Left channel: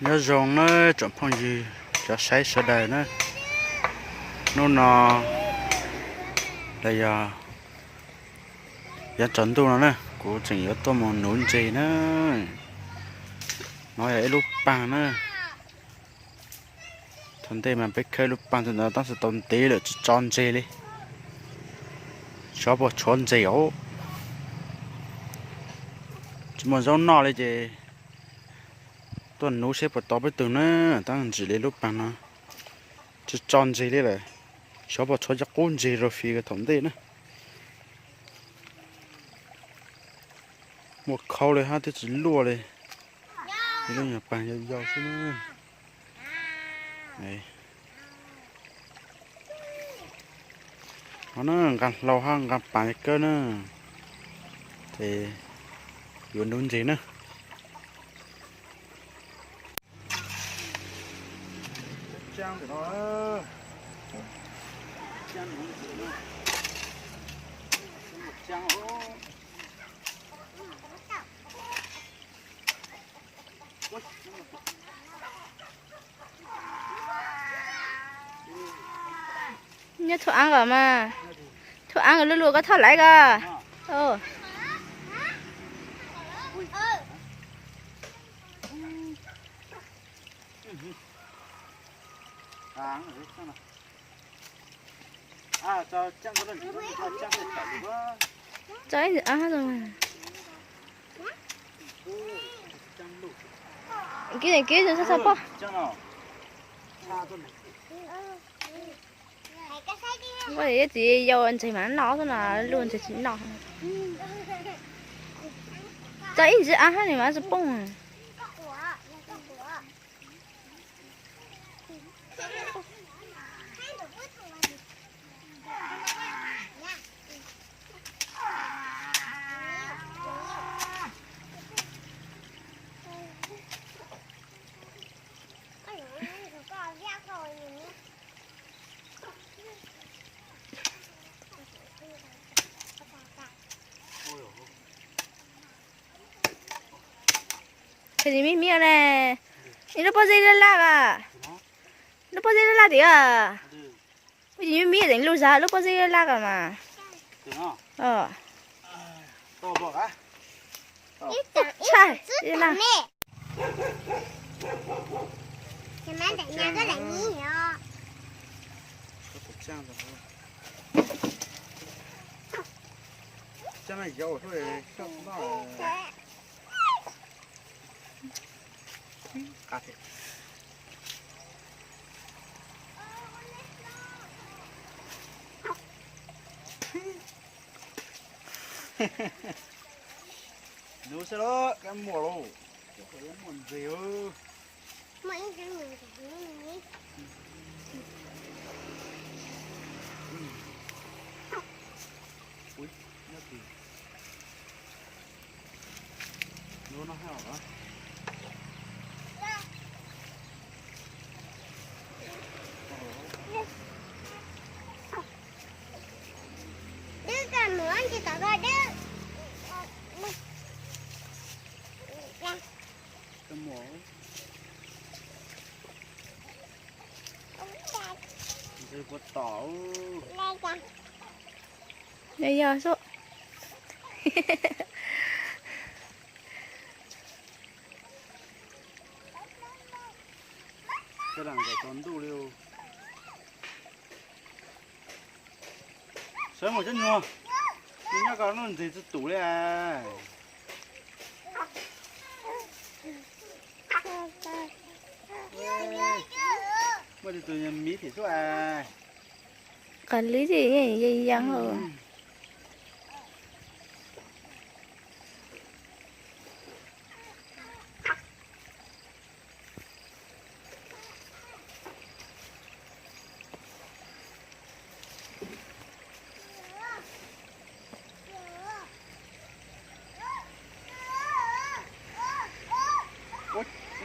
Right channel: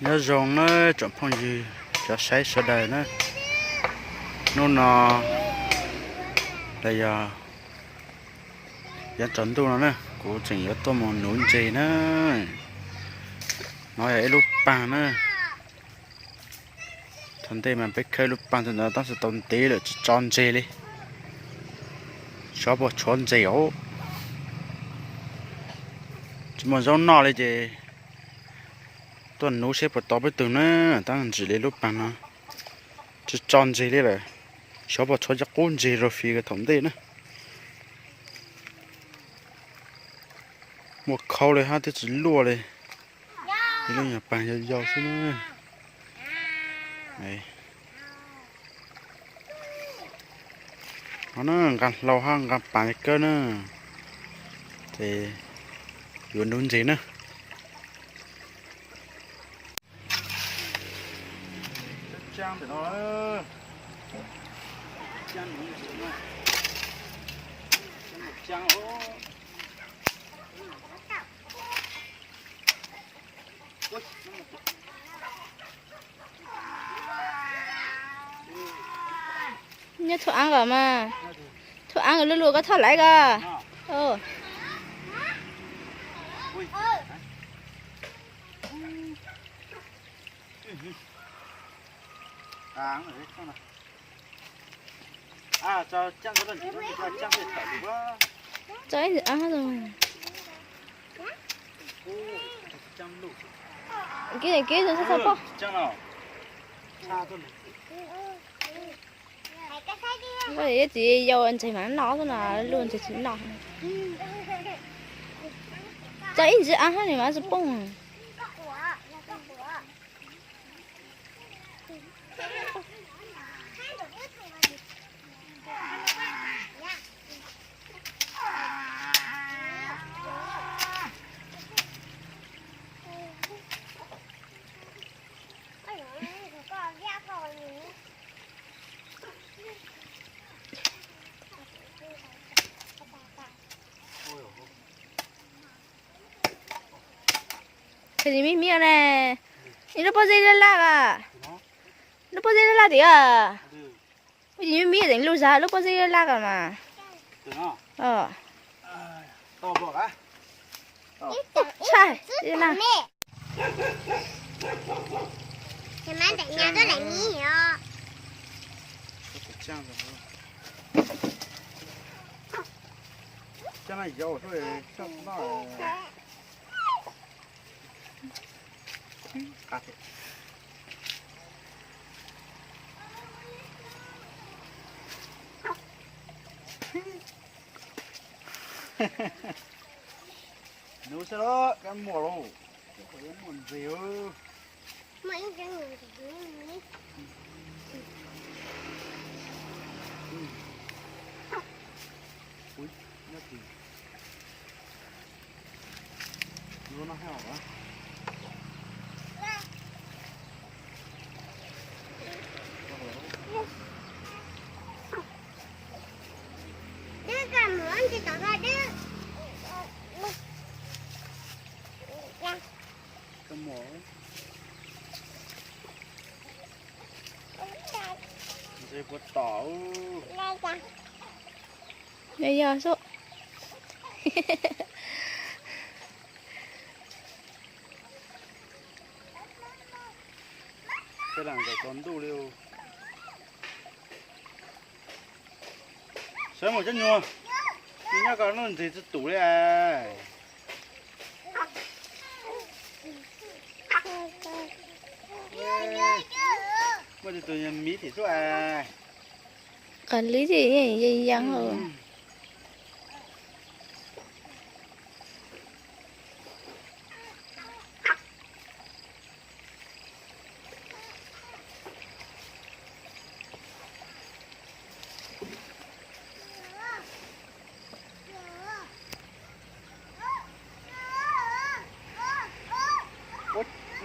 nhớ rồng nó chọn phong gì cho sai sơ đời nó đây giờ chọn tu nó nè của chừng ở tôi một núi gì nữa nói ấy lúc bằng nữa thằng tây mà biết khơi lúc bằng thì nó tao sẽ tốn tí được tròn gì đi cho bộ tròn gì ố chúng mà giống nóเลยchứ tuần nấu xếp vào to với từ nữa tao chỉ lấy lúc bằng nó chứ tròn gì đi rồi cho bộ tròn chắc cuốn gì rồi phi cái thằng tây nữa một khâu này ha thì chỉ lùa này thì nó nhà bằng cho giàu xí nữa này nó gần lâu hơn gần bằng cơ nữa thì vườn đúng gì nữa trang thì nó trang đúng gì nữa một trang hố nhớ thua ăn rồi mà thua ăn rồi luôn luôn có thua lại cơ cho trang có lần chỉ cho trang thì phải đúng không? trái thì ăn hết rồi mà cái này kia rồi sao sao trang nào xa thôi này vậy thì dầu anh chỉ mà nó thôi là luôn thì nó trái thì ăn hết này mà sẽ bông cái gì mía này nó bao giờ lá à nó bao giờ lá thì à cái gì mía đánh lâu dài nó bao giờ lá cả mà to bọc á sai đi nào thì má đánh nhau đó là nhiều trang trang này dầu thôi sao nó cắt nấu sao đó cái mùa đâu cái phải mùa gì ư mấy cái người thì mấy ui nó gì nó hao hả chị tao coi đứa cái mỏ gì có tảo đây giờ số cái đằng phải còn đủ liều sớm một chút nhua nhưng mà có nó thì tủ đấy à mà thì tụi mí thì số à cần lý gì gì dăng rồi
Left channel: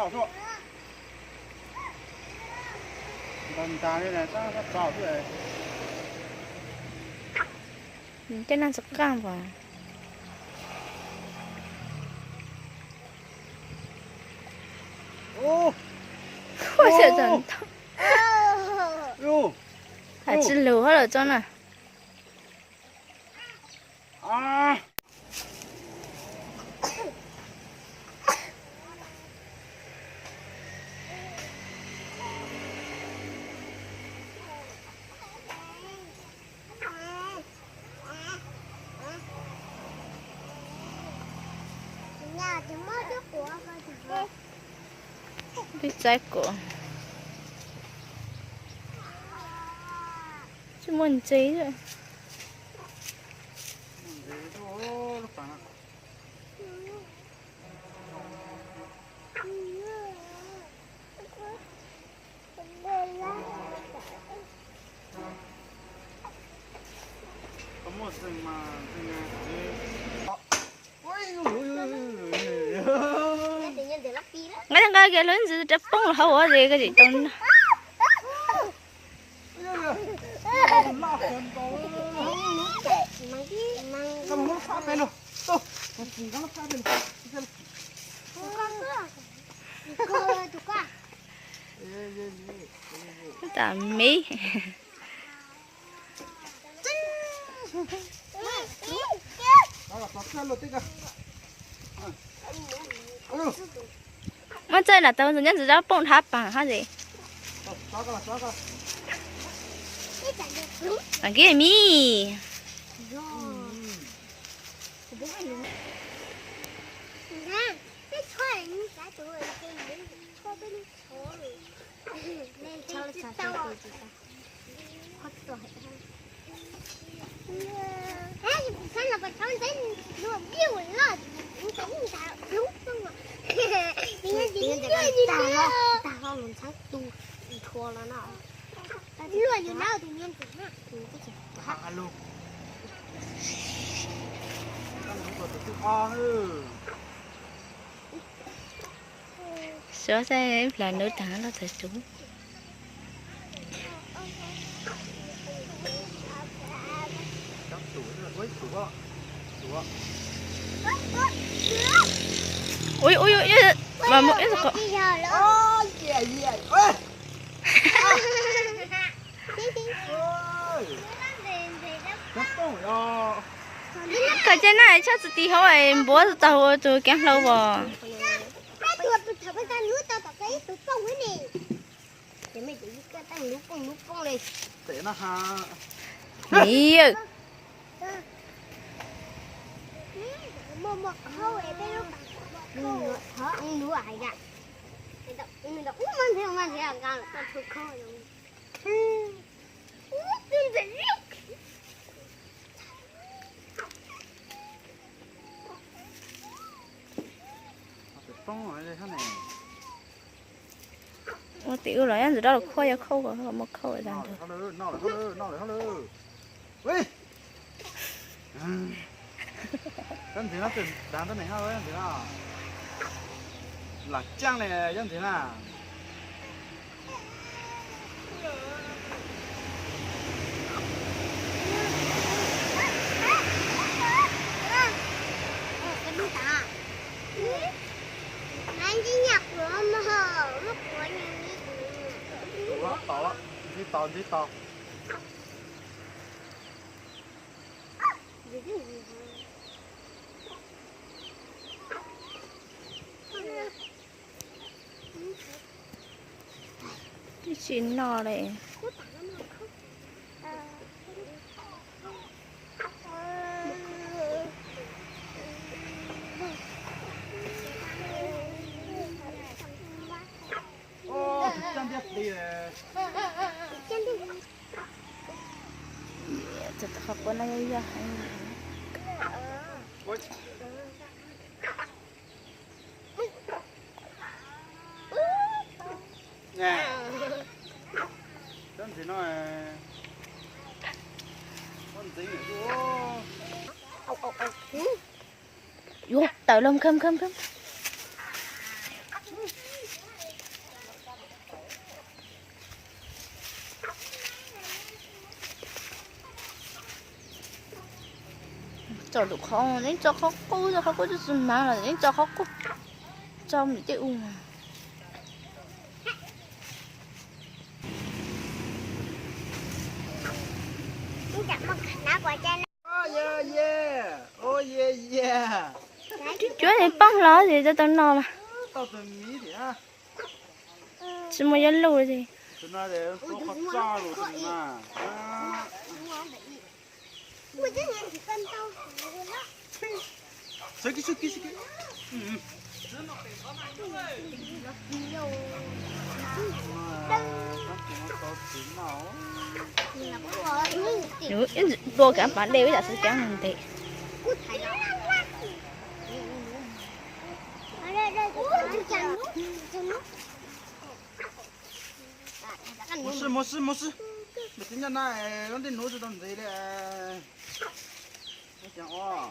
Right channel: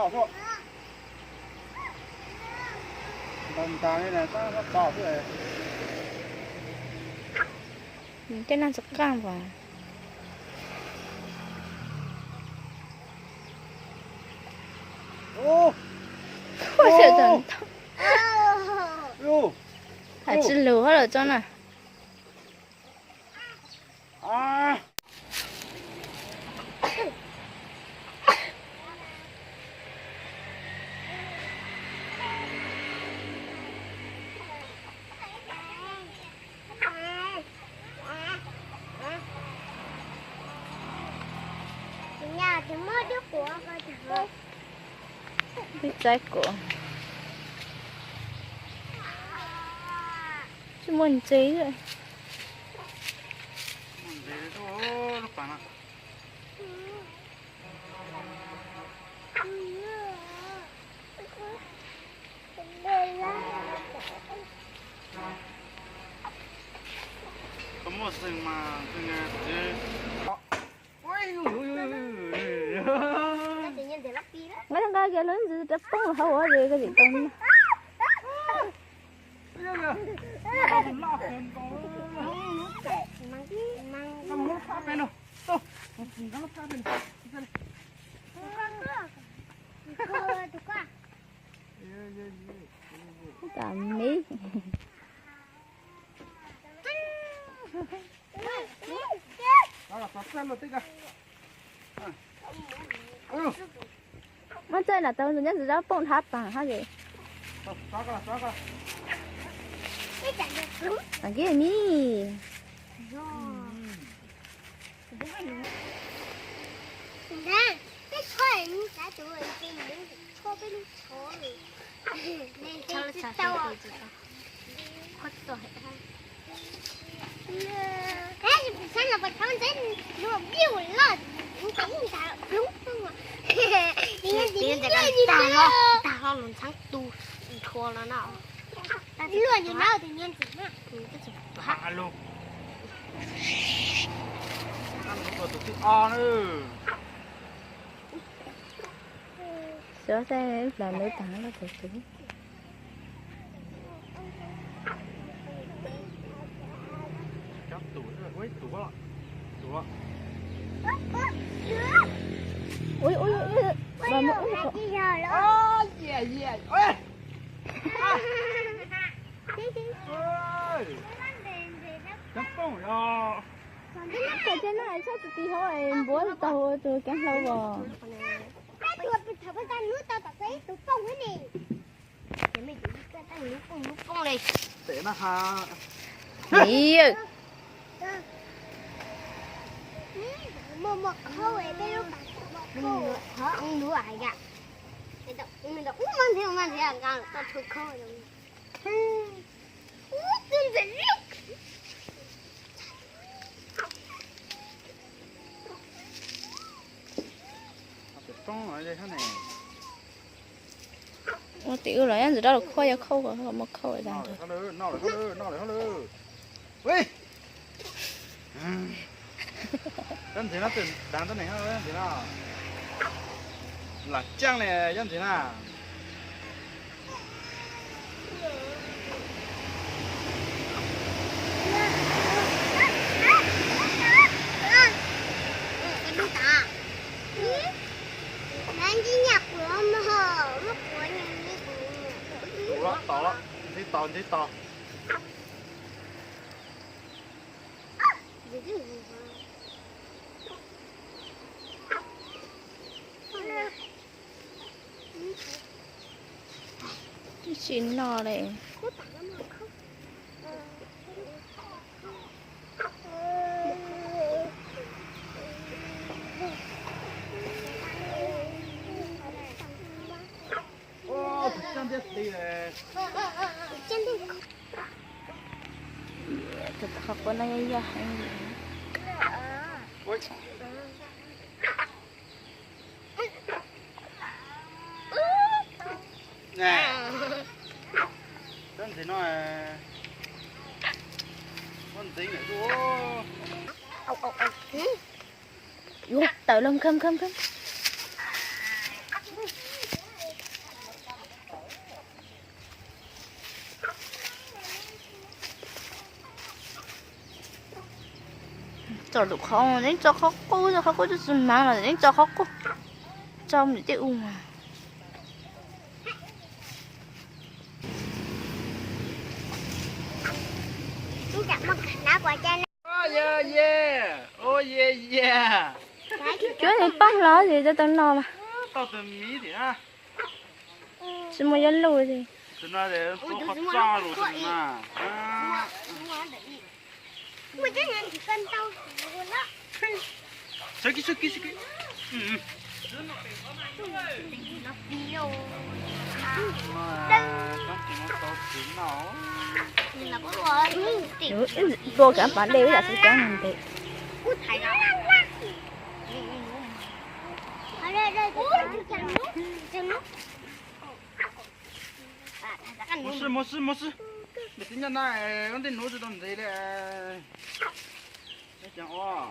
nọ thôi đồng ta đây này nó to thế này cái nan sọc cam vào 我这真的，哦，还吃流了真的。啊！nhà thì mới đứa của ba thì thôi. Biết trái của. Chứ muốn chế rồi. Có một rừng mà Tự nhiên để lắp đi đó. Ngay thằng cái lớn gì chấp bông là hậu gì cái gì tông. Tạm mí. Mà chơi là tao nhân ra bông tháp bằng hả gì? Bằng kia mi. Sáng là bật thắng đến nó biểu là cũng cắn người ta đúng không ạ? Tiên ta không muốn thắng tu thua nó nào. Lừa như nào tự nhiên thì nó Alo. Nữa. Sửa xe là nữ tặng nó thật đúng. Ui ui ui mà một ít rồi. Cái trên này chắc chỉ hỏi bố tao tôi kéo lâu rồi. Để nó ha. Nhiều. Một khâu ấy đây nó bảo thở ăn đũa ai cả. Mình đọc mang theo cả tao thuộc khâu rồi. Tiên dậy riết. Con ở đây thế này. Một tiểu rồi anh rồi đó là khôi khâu rồi một khâu rồi đàn được. Dân thế nào đàn thế này ha, dân thế nào là trăng này dân thế nào Cái đu ta. Anh chỉ nhặt của mà lúc của nhà quá to đi to Cái chuyện nọ này. đi này Thật học con này ra hay. nè con thì nó con tính ở chỗ Vô tự lông khâm. Cho được không? Đến cho khó cô cho dùng mang là đến cho khó cô. Cho mình tiêu mà. Chú này bóc nó thì cho tao no là tao từ mí thì ha chỉ một dân lùi thì từ nó để tôi khó cho rồi từ mà sức cái đồ cả bạn đều là sự kéo mình thì một sự để tính nhận này vấn đề nấu cho đồng gì đấy chẳng o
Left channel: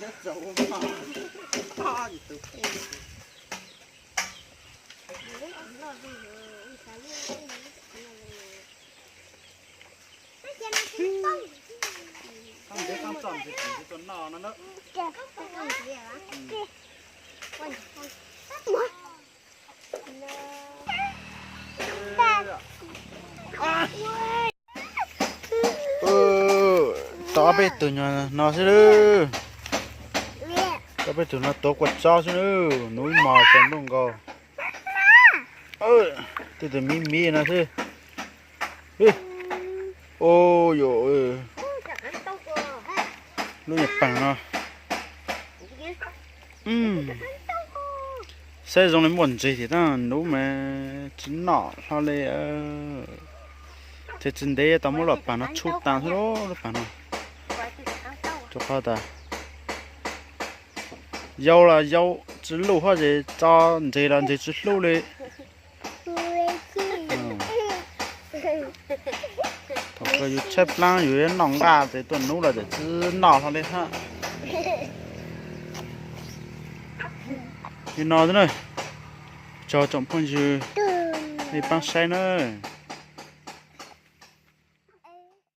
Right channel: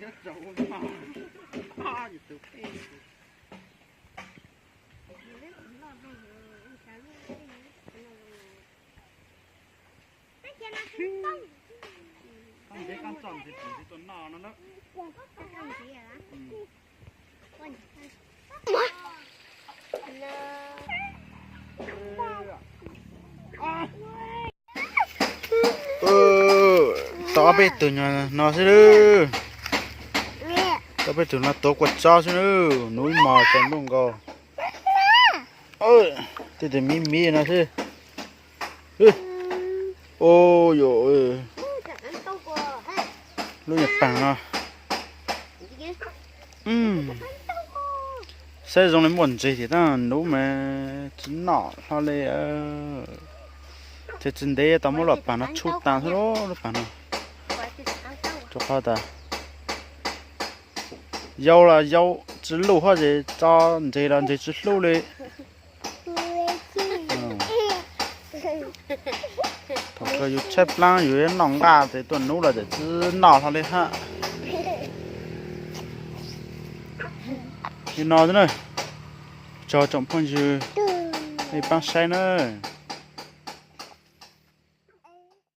rất giàu mà gì từ con bé con chọn thì chỉ con nọ nó nữa tao biết từ nhà nó sẽ đưa tao biết từ nó tổ quật cho sẽ đưa núi mò còn đúng không thì từ mí nó thế ôi dồi lúc Nhật Bản nó xây dựng lên muốn gì thì ta nấu mà chính nọ sao lại thế chính đấy tao muốn lọt bản nó chút tàn thôi đó lọt bản nó cho khoa ta dâu là dâu chỉ lâu hoa gì cho gì là gì chỉ lâu đấy thằng cái yêu chép lang yêu nòng gà thì tuần nấu là để chỉ nọ thôi đấy ha như nọ thế này cho trọng phong dư hay băng say nữa